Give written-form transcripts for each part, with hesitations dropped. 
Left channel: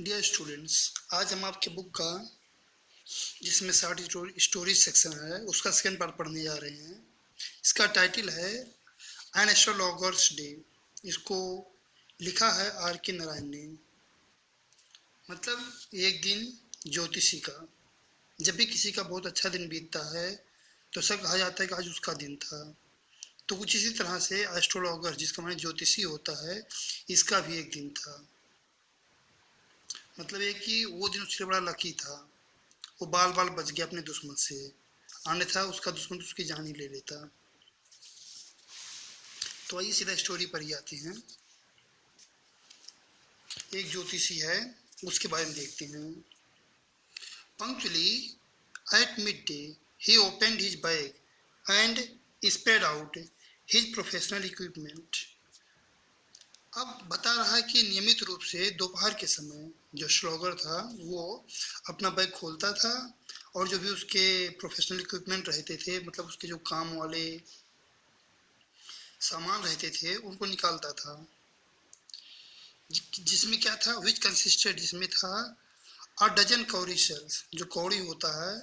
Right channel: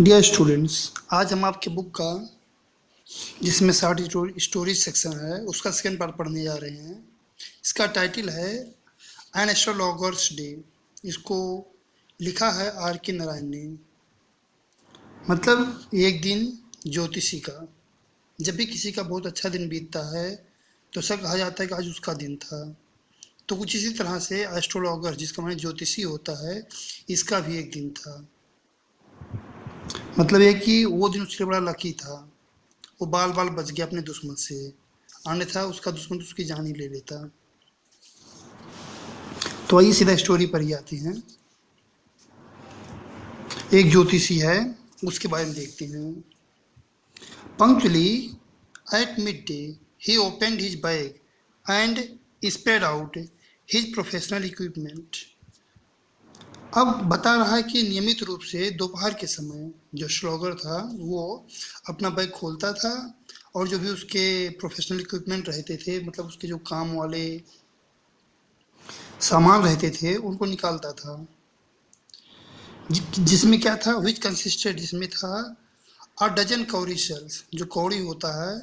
Dear students, आज हम आपके बुक का जिसमें 60 स्टोरीज सेक्शन है उसका सेकेंड पार्ट पढ़ने जा रहे हैं। इसका टाइटल है एन एस्ट्रोलॉगर्स डे। इसको लिखा है आर के नारायण ने। मतलब एक दिन ज्योतिषी का। जब भी किसी का बहुत अच्छा दिन बीतता है तो ऐसा कहा जाता है कि आज उसका दिन था। तो कुछ इसी तरह से एस्ट्रोलॉगर, जिसका माने ज्योतिषी होता है, इसका भी एक दिन था। मतलब ये कि वो दिन उसके लिए बड़ा लकी था। वो बाल बाल बच गया अपने दुश्मन से, अन्यथा उसका दुश्मन तो उसकी जान ही ले लेता। तो आइए सीधा स्टोरी पर ही आते हैं। एक ज्योतिषी है, उसके बारे में देखते हैं। Punctually at mid day he opened his bag and spread out his professional equipment. अब बता रहा है कि नियमित रूप से दोपहर के समय जो श्लॉगर था वो अपना बैग खोलता था और जो भी उसके प्रोफेशनल इक्विपमेंट रहते थे, मतलब उसके जो काम वाले सामान रहते थे, उनको निकालता था। जिसमें क्या था, विच कंसिस्टेड, जिसमें था अ डजन कौड़ी शेल्स। जो कौड़ी होता है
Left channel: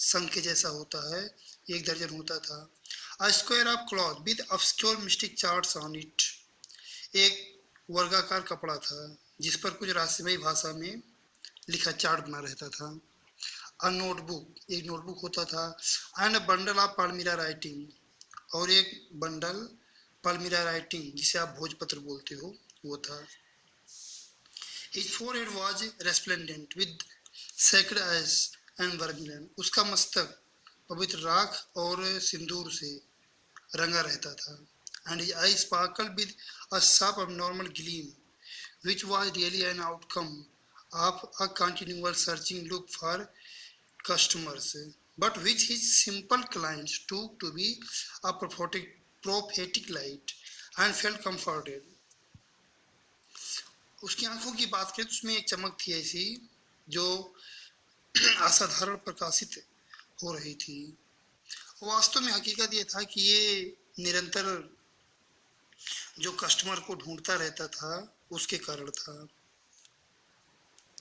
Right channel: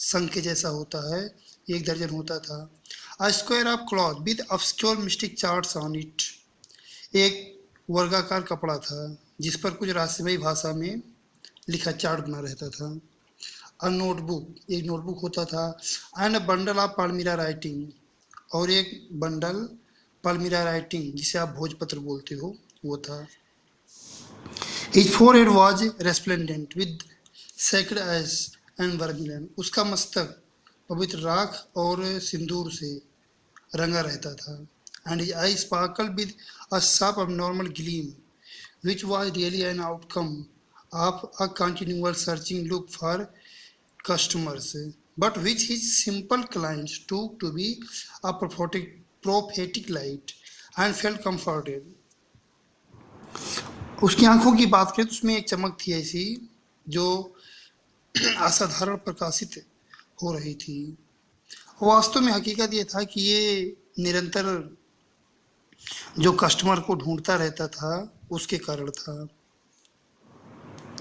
संख के जैसा होता है, 1 दर्जन होता था। A square of cloth with obscure mistake charts on it. एक वर्गाकार कपड़ा था जिस पर कुछ रहस्यमयी भाषा में लिखा चार्ट बना रहता था। अ नोटबुक, एक नोटबुक होता था। And a bundle of palmyra writing, और एक बंडल पालमीरा राइटिंग जिसे आप भोजपत्र बोलते हो, वो था। His forehead was resplendent with sacred ash and vermilion. उसका मस्तक पवित्र राख और सिंदूर से रंगा रहता था। And his I sparkle with a sharp abnormal gleam which was really an outcome of a continual searching look for customers, but which his simple clients took to be a prophetic light and felt comforted. उसकी आंखों की बात करें तो उसमें एक चमक थी ऐसी जो असाधारण प्रकाशित हो रही थी। वास्तव में हकीकत ये था कि ये निरंतर जो कस्टमर को ढूंढता रहता था उसके कारण था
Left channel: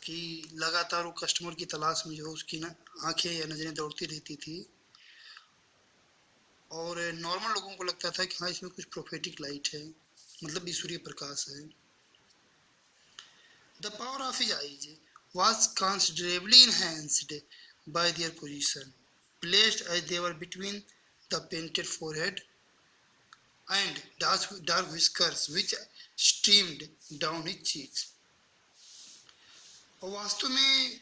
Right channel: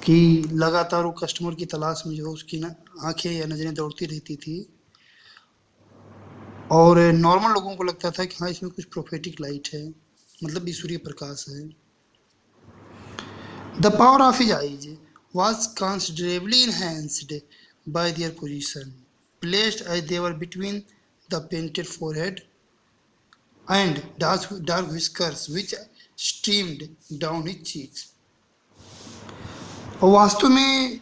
कि लगातार वो कस्टमर की तलाश में जो उसकी ना आंखें या नज़रें दौड़ती रहती थी। और नॉर्मल लोगों को लगता था कि हाँ, इसमें कुछ प्रोफेटिक लाइट है, मतलब ईश्वरीय प्रकाश है। The power of his eyes was considerably enhanced by their position, placed as they were between the painted forehead and dark whiskers which streamed down his cheeks. और वास्तव में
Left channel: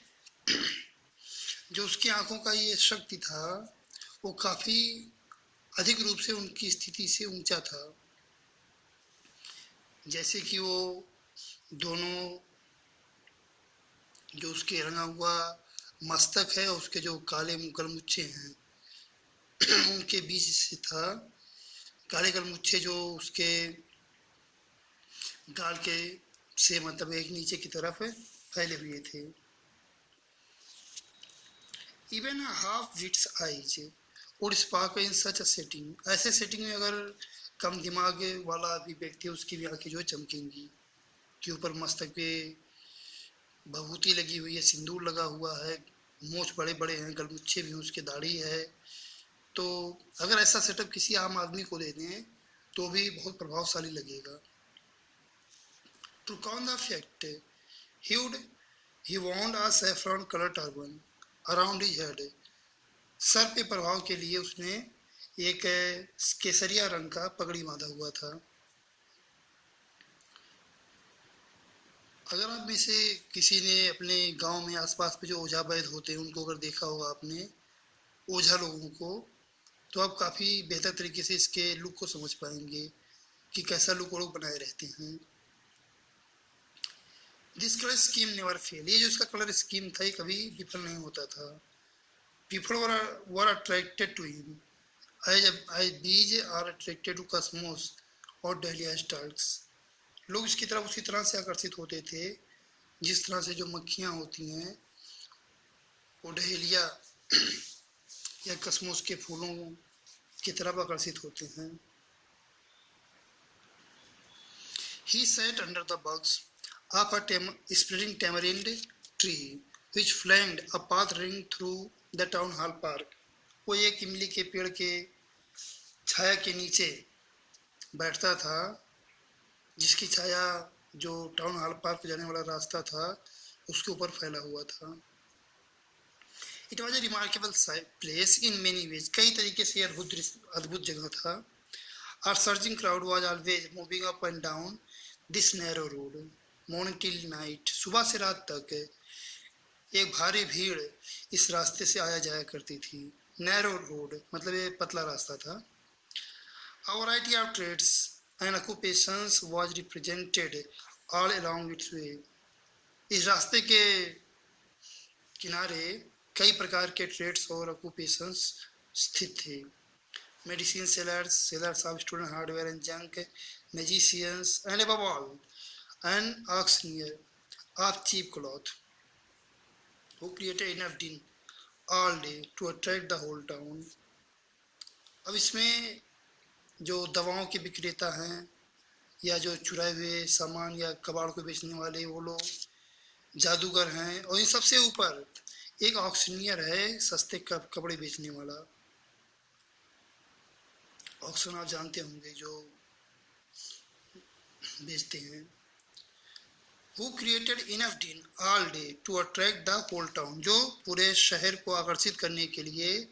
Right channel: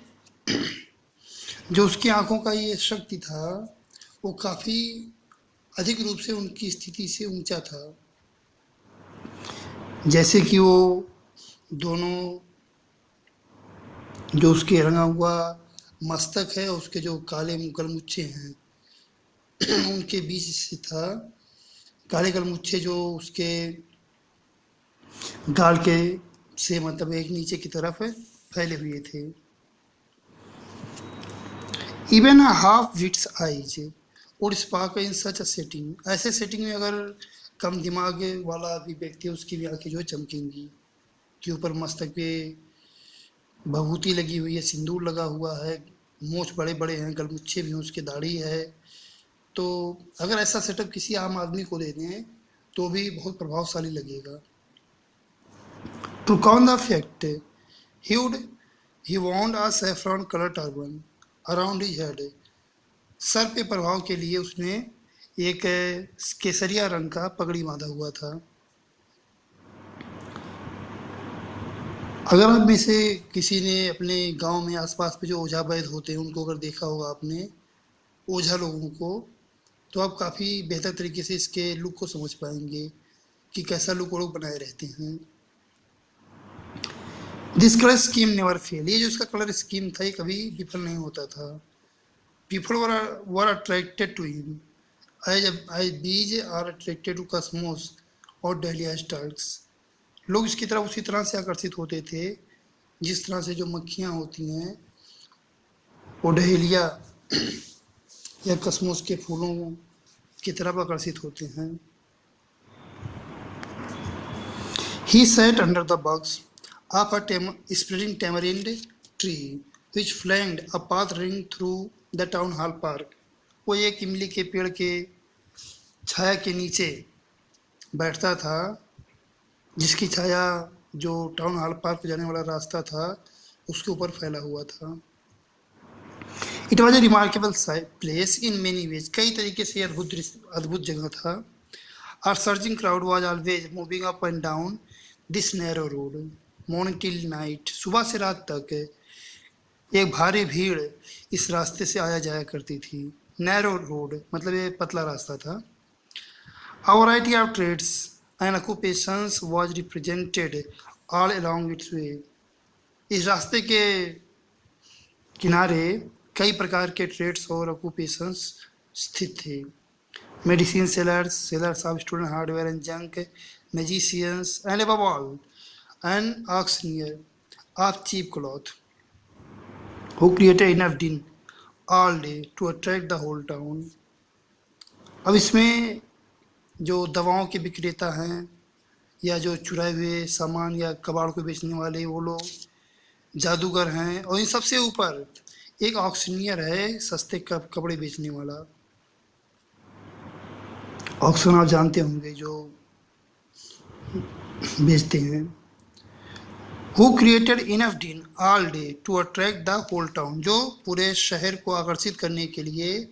जो उसकी आंखों का ये शक्ति था वो काफ़ी अधिक रूप से उनकी स्थिति से ऊंचा था। जैसे कि वो दोनों जो उसके रंगा हुआ मस्तक है, उसके जो काले गलमुच्छे हैं उनके बीच से था। काले गलमुच्छे जो उसके गाल के से मतलब एक नीचे की तरफ फैले हुए थे। Even half wit's eyes would spark in such a setting. ऐसे सेटिंग में अगर कम दिमाग वाला भी व्यक्ति है, उसकी भी आंखें जो है चमकेंगी। के ऊपर मस्तक पे भभूति लगी हुई है, सिंदूर लगा हुआ है, मूछ बड़े बड़े हैं, गलमुच्छे भी हैं, उसकी दाढ़ी है। तो अगर ऐसा सेटअप किसी आम आदमी को दे दें तो भी बहुत प्रभावशाली लगेगा। To con the fact he would he wound a saffron colored turban around his head। Sir पे प्रभाव के लिए उसने एक केसरिया रंग का पगड़ी बांधा हुआ था। अगर आप में से किसी ने अपने गांव में आसपास में जो ओझा वैद्य होते हैं उनको अगर देखा होगा आपने, ओझा लोगों को, तो आप काफ़ी बेहतर तरीके से इसके लुक को समझ पाएंगे कि कैसा लुक वो लोग बनाए रहते हैं। This colour scheme never fail. ये जो इसका कलर स्कीम था ये कभी विफल नहीं होता था। People were attracted to him as bees are attracted to cosmos और डहलिया स्टार्क्स। लोग इसकी तरफ उसी तरह से आकर्षित होते थे जिस तरह से जो मक्खियाँ होती हैं वो डहेलिया या कसमोस के फूलों की तरफ आकर्षित होते हैं। He sat under the box of a spreading tamarind tree which flanked a path running through the town hall park. वो एक इमली के पेड़ के छाया के नीचे बैठता था, जिसकी छाया जो टाउन हॉल पार्क जाने वाला रास्ता था उसके ऊपर फैला हुआ था। It was a remarkable place in many ways, कई तरीके से अद्भुत जगह था। A surging crowd was always moving up and down this narrow road, morning till night. सुबह से रात तक एक भारी भीड़ इस रास्ते से आया जाया करती थी। नैरो रोड मतलब ये पतला रास्ता था। A variety of trades and occupations was represented all along its way. इस रास्ते के किनारे कई प्रकार के ट्रेड्स और ऑक्यूपेशंस स्थित थे। Medicine sellers, sellers of student hardware and junk, magicians and above all an auctioneer of cheap cloth who created enough din all day to attract the whole town. अब इसमें जो दवाओं के विक्रेता हैं या जो चुराए हुए सामान या कबाड़ को बेचने वाले वो लोग, जादूगर हैं, और इन सबसे ऊपर एक ऑक्शनियर है, सस्ते कपड़े बेचने वाला। ऑक्शन आप जानते होंगे, जो बेचते हैं। Who created enough din all day to attract the whole town, जो पूरे शहर को आकर्षित करने के लिए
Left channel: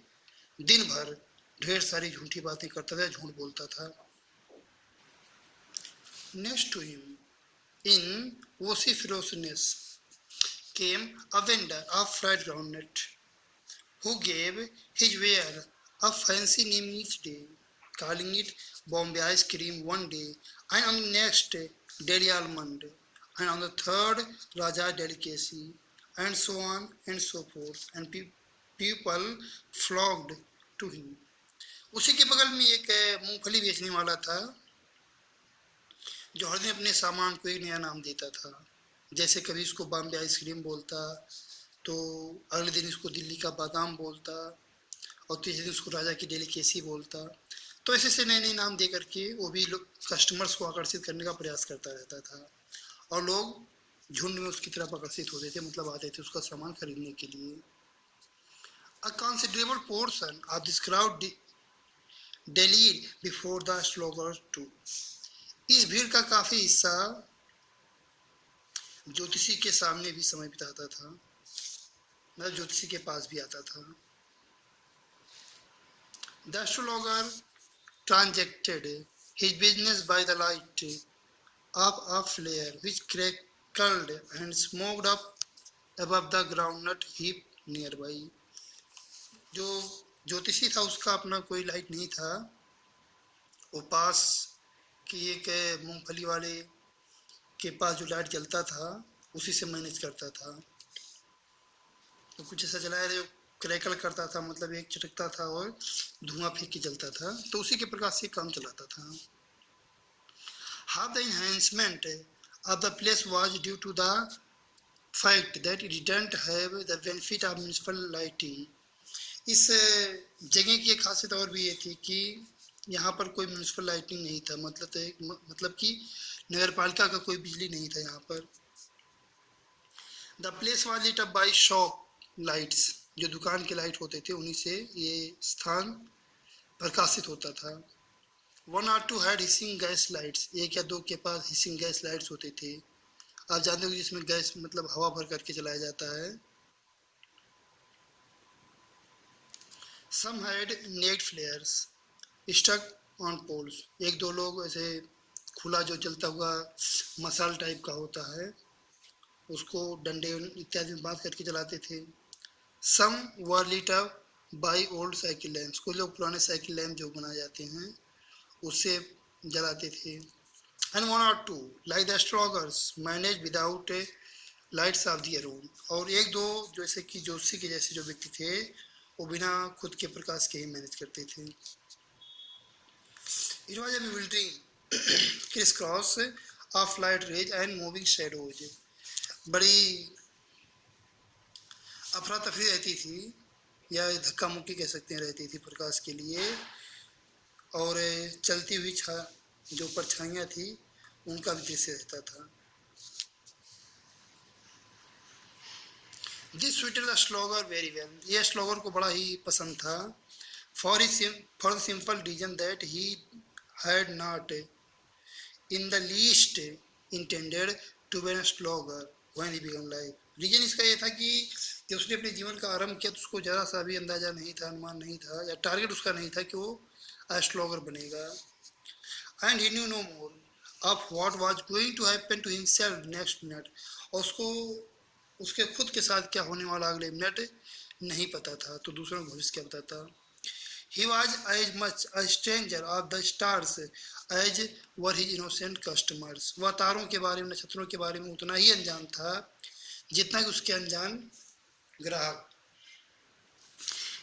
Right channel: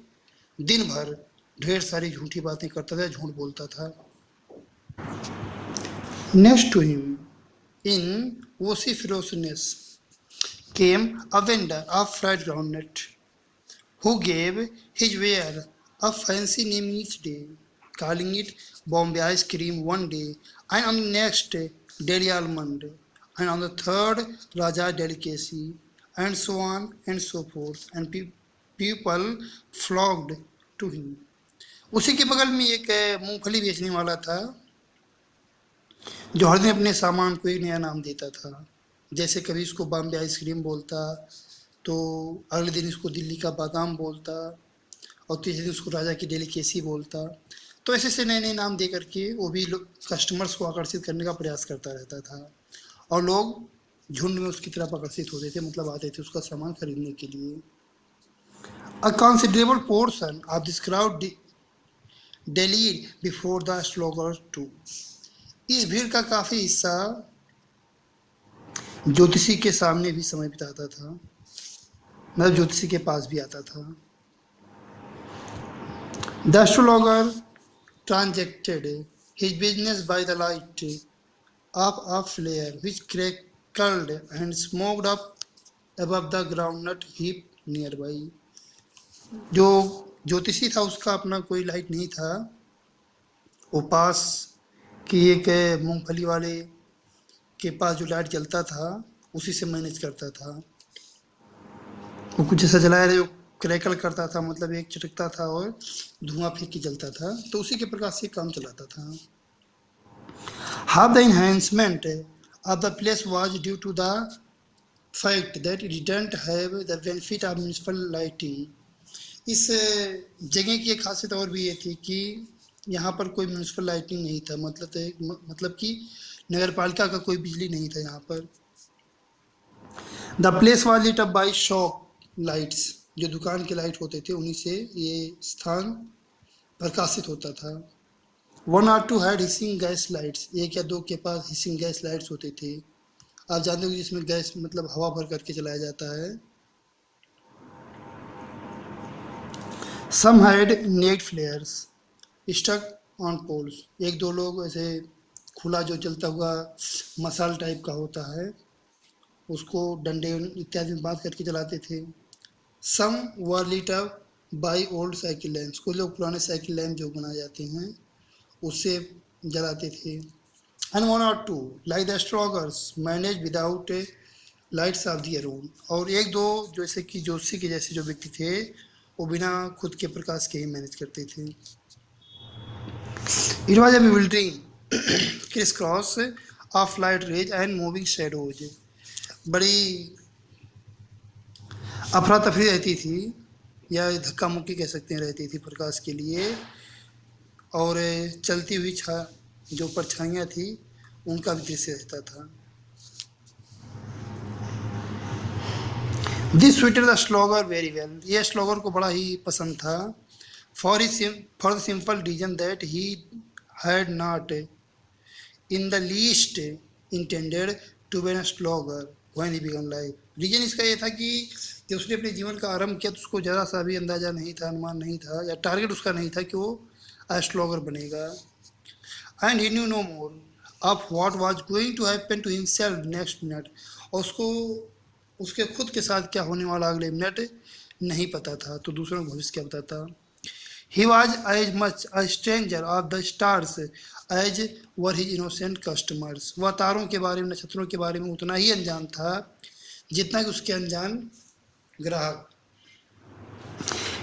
दिन भर ढेर सारी झूठी बातें करता था, झूठ बोलता था। Next to him in vociferousness came a vendor of fried groundnut who gave his ware a fancy name each day, calling it Bombay ice cream one day, and on the next Delhi almond, and on the third Raja delicacy, and so on and so forth, and people flocked to him. उसी के बगल में एक मूंगफली बेचने वाला था जो हर दिन अपने सामान को एक नया नाम देता था। जैसे कभी इसको बॉम्बे आइसक्रीम बोलता, तो अगले दिन इसको दिल्ली का बादाम बोलता, और तीसरे दिन उसको राजा की डेलिकेसी बोलता। तो ऐसे से नए नए नाम दे करके वो भी कस्टमर्स को आकर्षित करने का प्रयास करता रहता था, और लोग झुंड में उसकी तरफ आकर्षित होते थे, मतलब आते थे उसका सामान खरीदने के लिए। A considerable portion of this crowd delayed before the slaughter too. इस भीड़ का काफी हिस्सा ज्योतिषी के सामने भी समय बिताता था, मतलब ज्योतिषी के पास भी आता था। The astrologer transacted his business by the light of a flare which crackled and smoked up above the groundnut heap nearby. जो ज्योतिषी था उसका अपना कोई लाइट नहीं था, वो पास की एक मूंगफली वाले के पास जो लाइट जलता था उसी से मैनेज करता था। वो कुछ ऐसा जलाया जो क्रैकल करता था, मतलब एक चटकता था और धुआं फेंक के जलता था, तो उसी के प्रकाश से काम चलाता था। Half the enhancement of the place was due to the fact that it didn't have the benefit of municipal lighting. इस जगह की एक खासियत और भी ये थी कि यहाँ पर कोई म्यूनिसिपल लाइटिंग नहीं था, मतलब कि नगर पालिका का कोई बिजली नहीं था यहाँ पर। The place was lit up by shop lights, जो दुकान के लाइट होते थे उन्हीं से ये स्थान प्रकाशित होता था। 1 or 2 had hissing gas lights, एक या दो के पास हिसिंग गैस लाइट्स होते थे। आप जानते हो जिसमें गैस मतलब हवा भर करके चलाया जाता है। Some had naked flares stuck on poles, एक दो लोग ऐसे खुला जो जलता हुआ मसाल टाइप का होता है उसको डंडे इत्यादि में बांध करके जलाते थे। Some were lit up by old cycle lamps, कुछ लोग पुराने साइकिल लैम्प जो बनाए जाते हैं उससे जलाते थे। And 1 or 2 like the astrologers managed without lights of their own, और एक दो जैसे कि ज्योतिषी के जैसे जो व्यक्ति थे वो बिना खुद के प्रकाश के ही मैनेज करते थे। It was a bewildering crisscross of light rays and moving shadows, बड़ी अफरा तफरी रहती थी या धक्का मुक्की कह सकते हैं रहती थी प्रकाश के लिए, और चलती हुई जो परछाइयाँ थी उनका भी दृश्य रहता था। This suited the astrologer very well, यह स्लोगर को बड़ा ही पसंद था। For for the simple reason that he had not in the least intended to be an astrologer when he began life. Reason इसका ये था कि जब उसने अपने जीवन का आरंभ किया तो उसको ज़रा सा भी अंदाज़ा नहीं था, अनुमान नहीं था, या टारगेट उसका नहीं था कि वो स्लोगर बनेगा। And he knew no more of what was going to happen to himself next minute, और उसको उसके खुद के साथ क्या होने वाला अगले मिनट नहीं पता था, तो दूसरों को भविष्य क्या बताता। He was as much a stranger of the stars as were his innocent customers. वह तारों के बारे में, नक्षत्रों के बारे में उतना ही अनजान था जितना कि उसके अनजान ग्राहक।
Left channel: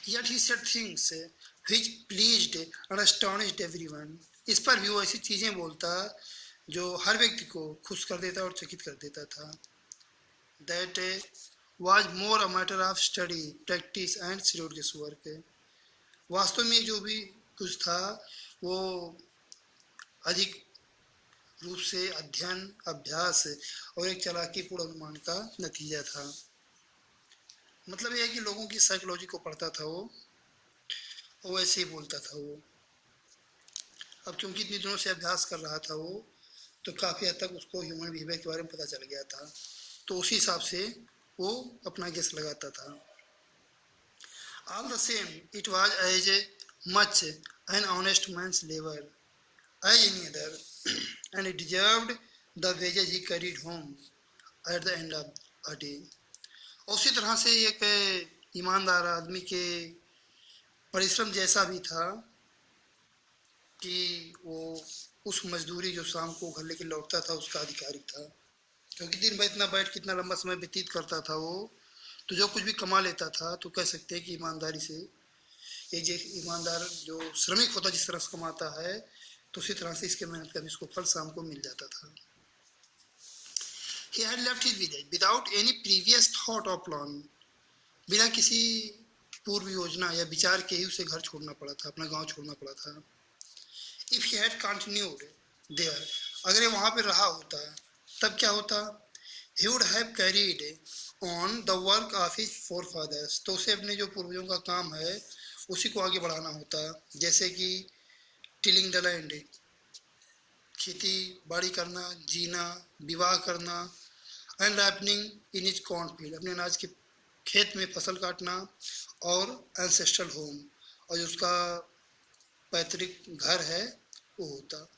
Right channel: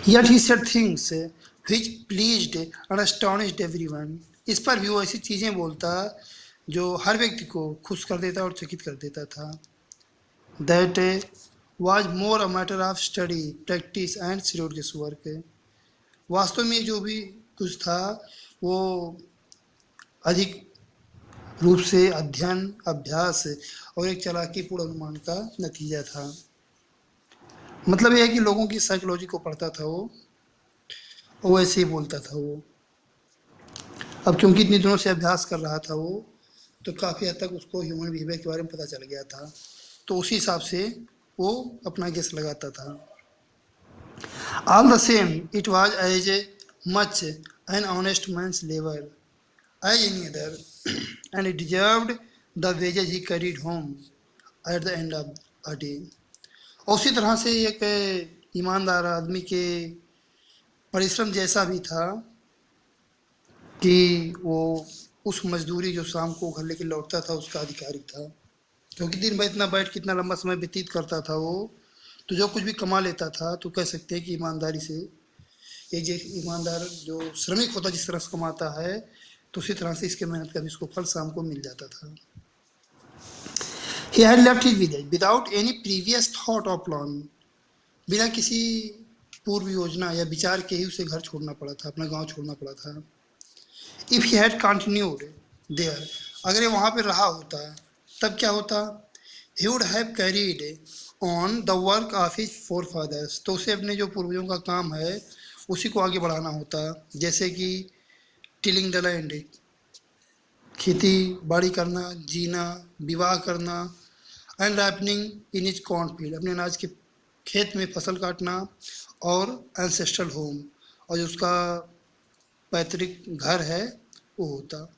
Yet he said things which pleased and astonished everyone. इस पर भी वो ऐसी चीजें बोलता जो हर व्यक्ति को खुश कर देता और चकित कर देता था। That was more a matter of study, practice and serious work. वास्तव में जो भी कुछ था वो अधिक रूप से अध्ययन, अभ्यास और एक चालाकीपूर्ण अनुमान का नतीजा था। मतलब यह है कि लोगों की साइकोलॉजी को पढ़ता था वो ऐसे ही बोलता था वो। अब क्योंकि इतनी दिनों से अभ्यास कर रहा था वो, तो काफ़ी हद तक उसको ह्यूमन बिहेवियर के बारे में पता चल गया था, तो उसी हिसाब से वो अपना गेस लगाता था। All the same, it was as much an honest man's labor as any other, and it deserved the wages he carried home at the end of a day. उसी तरह से एक ईमानदार आदमी के परिश्रम जैसा भी था कि वो उस मजदूरी जो शाम को घर लेके लौटता था उसका अधिकारी था, क्योंकि दिन भर इतना बैठ के इतना लंबा समय व्यतीत करता था वो, तो जो कुछ भी कमा लेता था तो कह सकते हैं कि ईमानदारी से, एक ईमानदार जो श्रमिक होता जिस तरह से कमाता है, तो उसी तरह से इसके मेहनत का भी इसको फल शाम को मिल जाता था। He had left his village without any previous thought or plan. बिना किसी पूर्व योजना या विचार के ही उसे घर छोड़ना पड़ा था, अपना गांव छोड़ना पड़ा था। If he had continued there, अगर ये वहाँ पे रहा होता तब क्या होता? He would have carried on the work of his forefathers. तो उसे अपने जो पूर्वजों का काम है उसी को आगे बढ़ाना होता, जैसे कि टिलिंग द लैंड, खेती बाड़ी करना, जीना, विवाह करना, and ripening in is cornfield, अपने अनाज के खेत में फसल काटना, और एंसेस्ट्रल होम, और जो उसका पैतृक घर है वो होता।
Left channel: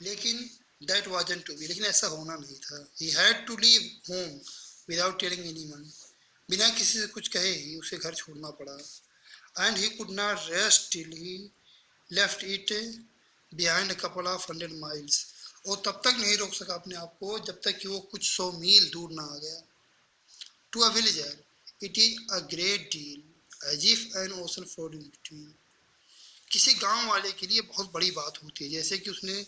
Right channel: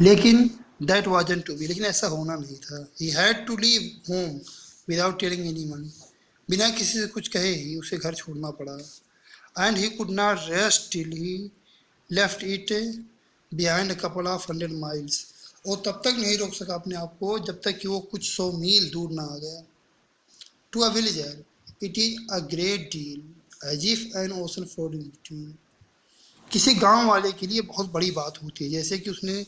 लेकिन दैट वाजंट टू बी, लेकिन ऐसा होना नहीं था। He had to leave home without telling anyone, बिना किसी से कुछ कहे ही उसे घर छोड़ना पड़ा। And he could not rest till he left it behind a couple of 100 miles, और तब तक नहीं रोक सका अपने आप को जब तक कि वो कुछ 100 मील दूर ना आ गया। To a villager it is a great deal as if an ocean flowed in between, किसी गांव वाले के लिए बहुत बड़ी बात होती है जैसे कि उसने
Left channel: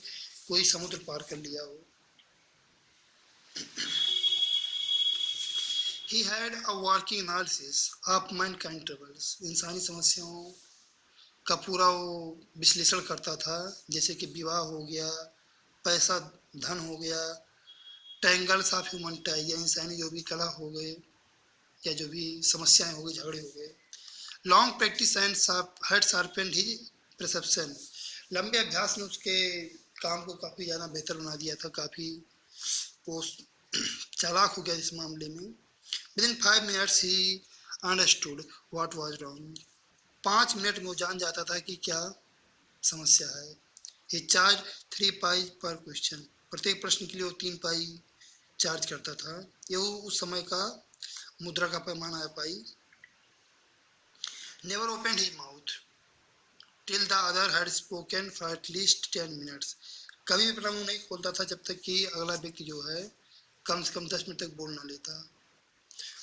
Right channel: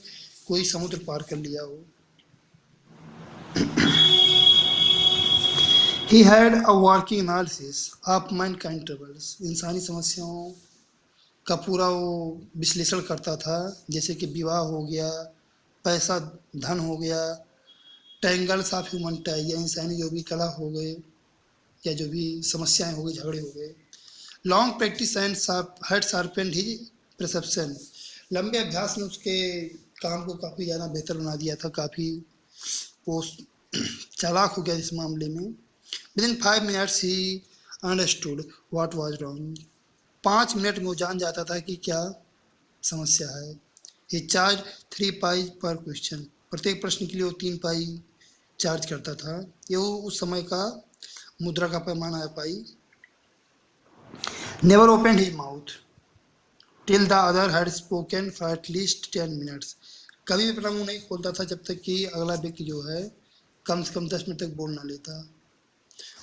कोई समुद्र पार कर लिया हो। He had a working analysis of mankind troubles, इंसानी समस्याओं का पूरा वो विश्लेषण करता था, जैसे कि विवाह हो गया, पैसा धन हो गया, टैंगल्स ऑफ ह्यूमन टाई, या इंसानी जो भी कला हो गए या जो भी समस्याएं हो गई, झगड़े हो गए। Long practice and had sharpened his perception, लंबे अभ्यास ने उसके काम को काफ़ी ज़्यादा बेहतर बना दिया था, काफ़ी वो चालाक हो गया इस मामले में। Within 5 minutes he understood what was wrong, 5 minute में वो जान जाता था कि क्या समस्या है। ही चार्ज 3 पाई पर क्वेश्चन, प्रत्येक प्रश्न के लिए वो 3 पाई चार्ज करता था, ये वो उस समय का मुद्रा का पैमाना है पाई। Never open his mouth till the other had spoken for at least 10 minutes, कभी भी अपना मुंह नहीं खोलता था जब तक कि अगला व्यक्ति जो है कम से कम 10 मिनट तक बोल ना लेता।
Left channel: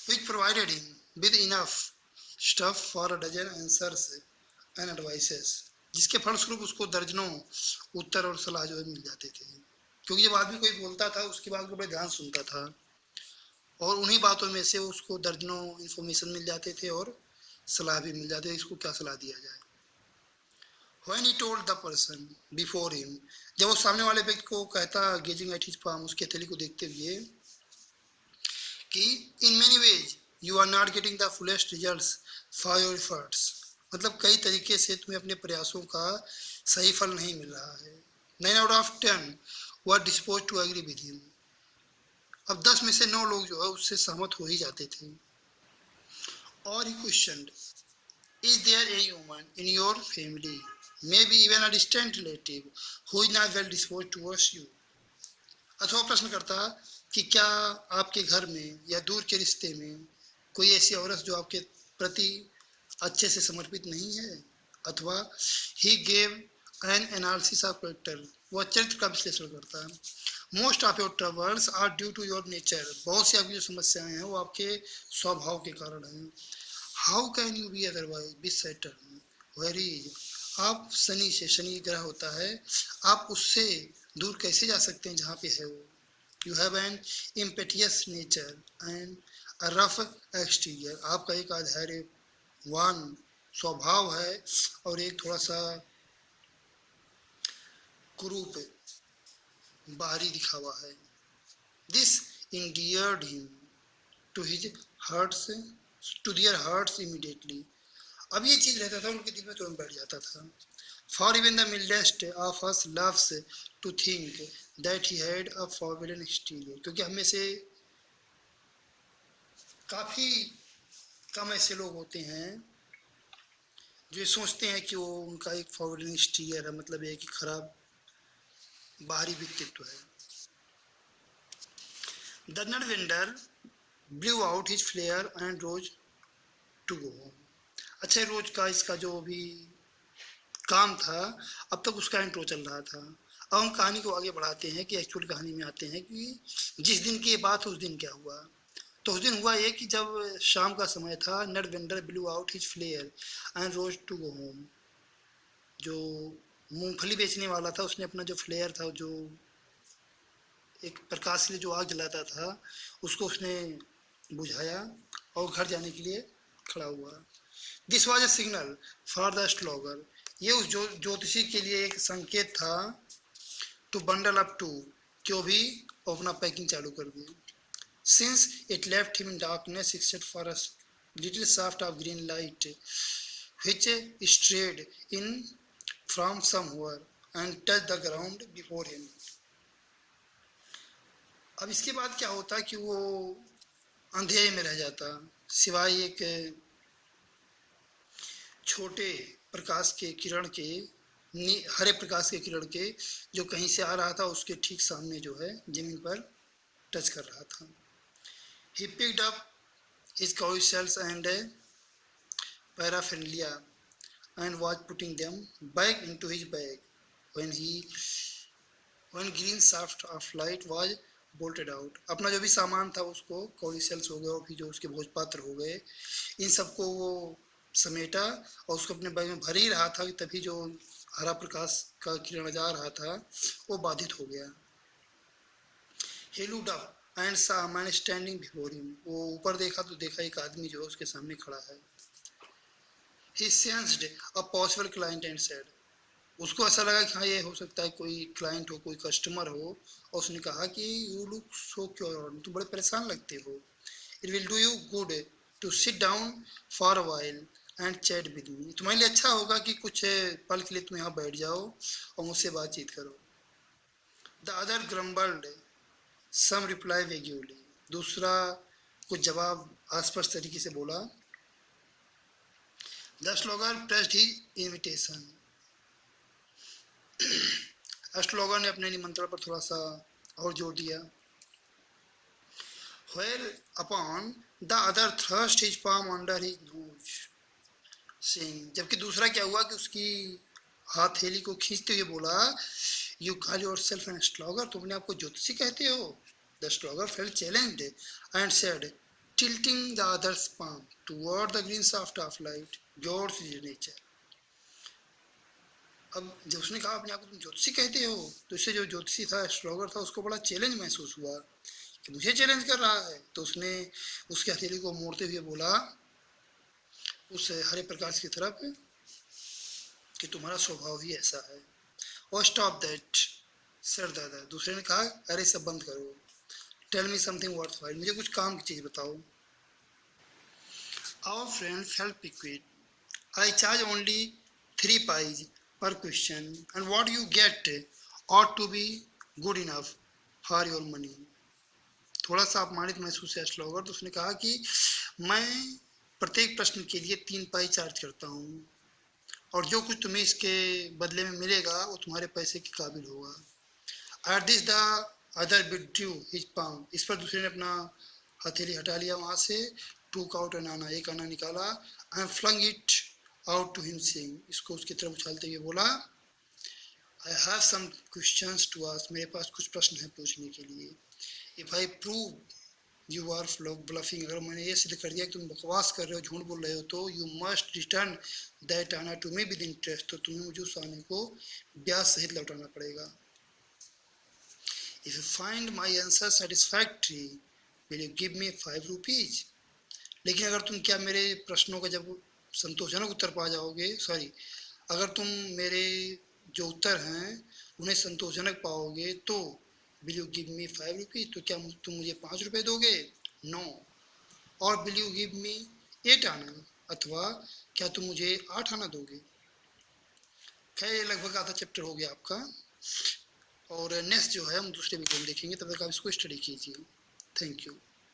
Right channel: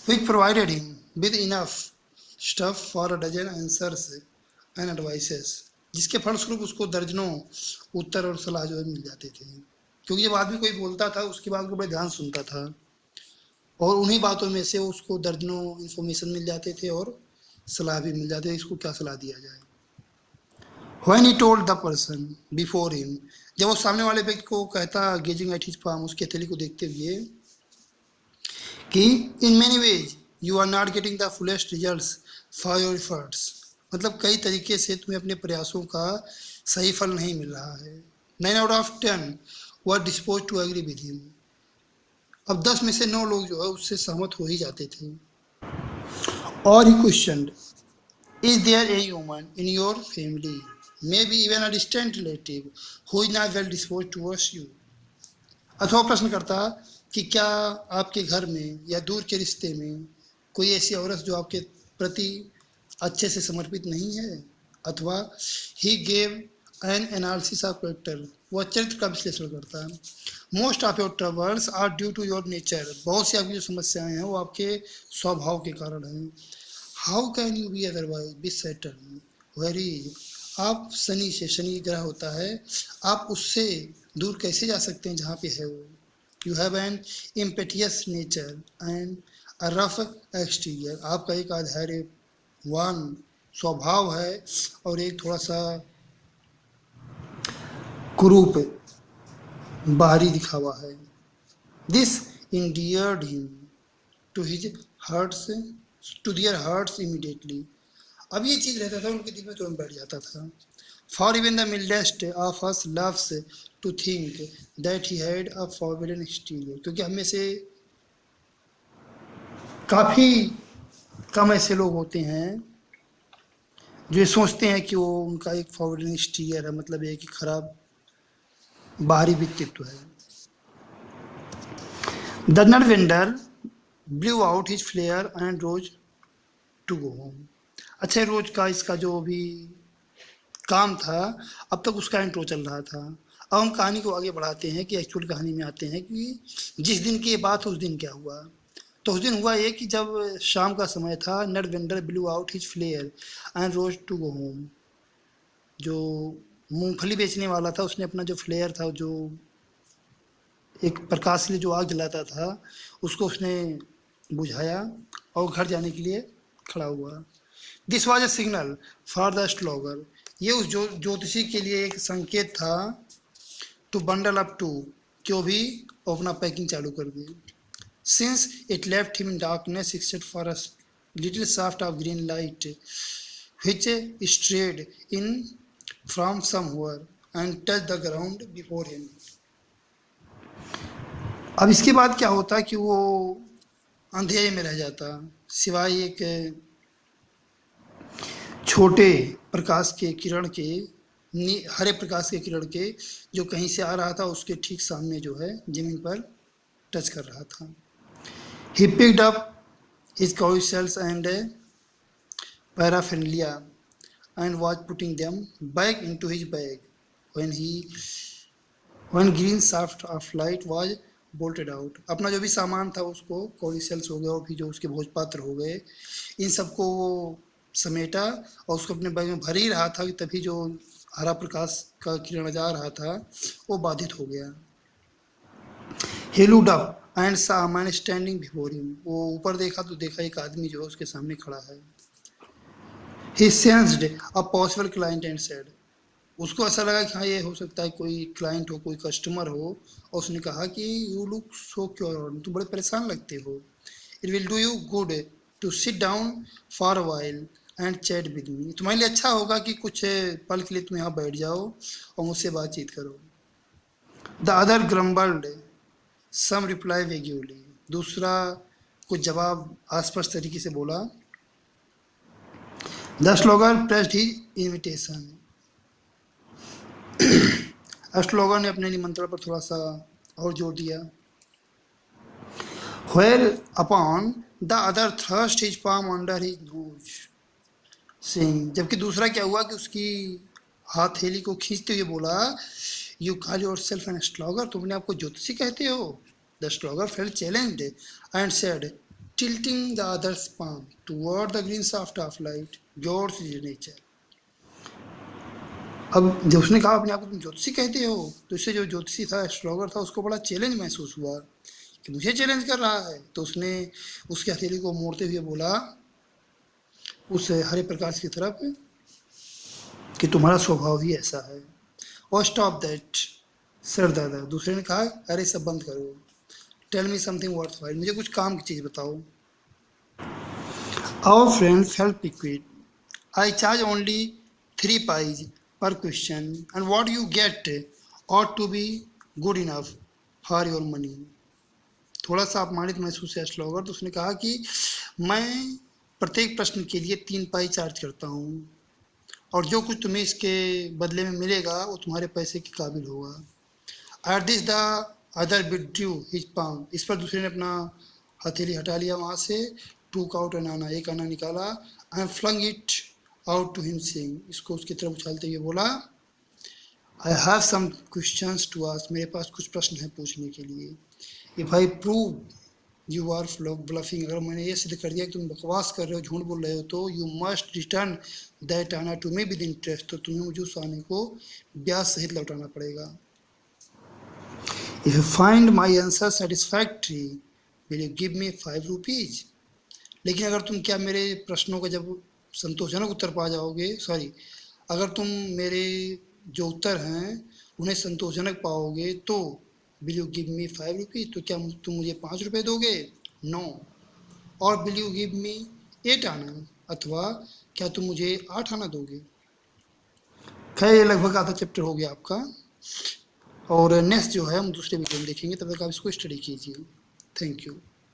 Which provided him with enough stuff for a dozen answers and advices, जिसके फलस्वरूप उसको दर्जनों उत्तर और सलाह जो है मिल जाते थे, क्योंकि जब आदमी कोई बोलता था उसकी बात को बड़े ध्यान सुनता था, और उन्हीं बातों में से उसको दर्जनों इन्फॉर्मेशन मिल जाते थे और सलाह भी मिल जाती है, इसको क्या सलाह दिया जाए। When he told the person before him, जब वो सामने वाले व्यक्ति को कहता, गेजिंग एट हिज palm, उसके हथेली को देखते हुए, कि in many ways you are not getting the fullest results for your efforts, मतलब कई तरीके से तुम्हें अपने प्रयासों का सही फल नहीं मिल रहा है। 9 out of 10 were disposed to agree with him. अब 10 में से 9 लोग जो है उससे सहमत हो ही जाते थे। और ही question, is there a human in your family, may be even a distant relative, who is not well dispose towards you. अथवा प्रश्न करता कि क्या आपके घर में या दूर के रिश्ते में कोई ऐसी औरत जो आपके प्रति अच्छे से समर्पित नहीं है। अथवा he gave an analysis of character, वह चरित्र का विश्लेषण करता है। Most of your troubles are due to your nature, बहुत सी आपकी जो समस्याएं हैं वो आपके स्वभाव के कारण हैं। How can you be otherwise be Saturn where is, आप शनि से, शनि ग्रह होता है, आप उससे दूर कैसे जा सकते हैं जहाँ पे है वो। You have an impetuous nature and a rough exterior, आपका एक आधार्यवान स्वभाव है और एक थोड़ा सा कुरूप बाहरी दिखावा है। This endeared him to his hearts, to their hearts immediately, अब ये चीज़ रहता था उनके दिल में तुरंत बैठ जाता था। For even the mildest of us loves to think that he had a forbidden exterior, क्योंकि हमें से काफ़ी कम ऐसे लोग होते हैं जो सोचते हैं कि वो उनका एक फॉरबिडन एक्सटीरियर है, मतलब ये कि खराब बाहरी व्यक्तित्व है। The nut vendor blew out his flare and rose to go home. अच्छा, रोज का इसका जो भी काम था अब तक उसका इंट्रो चल रहा था। अब हम कहानी को आगे बढ़ाते हैं कि एक्चुअल कहानी में आते हैं कि जिस दिन की ये बात उस दिन क्या हुआ। तो उस दिन हुआ ये कि जब शाम का समय था, nut vendor blew out his flare and rose to go home, जो मूंगफली बेचने वाला था उसने अपना जो फ्लेयर था, जो एक प्रकाश के लिए जो आग जलाता था, उसको उसने बुझाया और घर जाने के लिए खड़ा हुआ। This was a signal for the astrologer, ये उस ज्योतिषी के लिए एक संकेत था टू बंडल अप टू, कि वो भी अपना पैकिंग चालू कर दिए। Since it left him in darkness except for a little shaft of green light which strayed in from somewhere and touched the ground before him। अब इसके बाद क्या होता कि वो अंधेरे में रह जाता, सिवाय एक छोटे प्रकाश के किरण के, हरे प्रकाश के किरण के, जो कहीं से आ रहा था उसके ठीक सामने जो है जमीन पर टच कर रहा था। He picked up his cow shells and paraphernalia and was putting them back into his bag when green shaft of light was bolted out। अपना जो भी सामान था उसको, कौड़ी सेल्स हो गया और फिर जो उसके भोज पात्र हो गए, इन सबको वो समेटा और उसको अपने बैग में भर ही रहा था कि तभी जो हरा प्रकाश का किरण जा रहा था वो बाधित हो गया। He looked up and saw a man standing before him। वो ऊपर देखा तो देखा एक आदमी जो है उसके सामने खड़ा है। He sensed a possible client and said, उसको ऐसा लगा कि हाँ ये हो सकता है कोई क्लाइंट हो, कोई कस्टमर हो, और उसने कहा कि यू लुक सो क्योर, तुम बड़े परेशान लगते हो। It will do you good to sit down for a while and chat with me, तुम्हारे लिए अच्छा होगा कि कुछ पल के लिए तुम यहाँ बैठ जाओ और मुझसे बातचीत करो। The other grumbled some reply vaguely, दूसरा कुछ जवाब आसपास तरीके से बोला। द स्लोगन प्रेस्ड हिज इनविटेशन, एस्ट्रोलॉगर ने अपने निमंत्रण पर थोड़ा सा और जोर दिया। Where upon the other thrust his palm under his nose, saying, जबकि दूसरा क्या हुआ कि उसकी हथेली को खींचते हुए बोला, You call yourself an astrologer, तुमने आपको ज्योतिषी कहते हो। The astrologer felt challenged and said, tilting the other's palm toward the green shaft of light, yours is nature। अब जब उसने कहा अपने आप को तुम ज्योतिषी कहते हो, तो इससे जो ज्योतिषी था, एस्ट्रोलॉगर था, उसको बड़ा चैलेंज महसूस हुआ कि मुझे चैलेंज कर रहा है। तो उसने उसके हथेली को मोड़ते हुए बोला उस हरे प्रकाश की तरफ कि तुम्हारा स्वभाव ही ऐसा है। और स्टॉप दैट सर दादा, दूसरे ने कहा अरे सब बंद करो। टेल मी समथिंग वर्थवाइल, मुझे कुछ काम की चीज़ बताओ। आवर फ्रेंड्स हेल्प piqued, I charge only 3 pies per question and what you get ought to be good enough for your money। थोड़ा सा अपमानित महसूस है श्लोगर, तो उसने कहा कि मैं प्रत्येक प्रश्न के लिए 3 पाई चार्ज करता हूँ और जो कुछ तुम्हें इसके बदले में मिलेगा वो तुम्हारे पैसे के काबिल होगा। At this the other withdrew his palm, इस पर दूसरे ने अपना हथेली हटा लिया वहाँ से। टूक आउट एन आना, एक आना निकाला। And flung it out to him saying, इसको उसकी तरफ उछालते हुए बोला, I have some questions to ask, मेरे पास कुछ प्रश्न हैं पूछने के लिए। If I prove you are bluffing, अगर मैंने ये सिद्ध कर दिया कि तुम बकवास कर रहे हो, झूठ बोल रहे हो, तो यू मस्ट रिटर्न दैट आना टू मी विद इंटरेस्ट, तो तुम्हें मुझे उस आने को ब्याज सहित लौटाना पड़ेगा। If you find my answer satisfactory will you give me 5 rupees, लेकिन अगर तुम क्या मेरे प्रश्नों का जब संतोषजनक उत्तर पा जाओगे, सॉरी, अगर तुम मेरे जो उत्तर हैं उन्हें संतोषजनक पाओगे तो will you give me 5 rupees, तो क्या तुम मुझे 5 रुपये दोगे? नो। और विल यू गिव मी 8 आना, अथवा क्या तुम मुझे 8 आना दोगे? खैर ये लगभग आधा चैप्टर हो गया आपका, और नेक्स्ट जो है हम दूसरे वीडियो में देखेंगे, तब तक आप इसको स्टडी कीजिए। Thank you.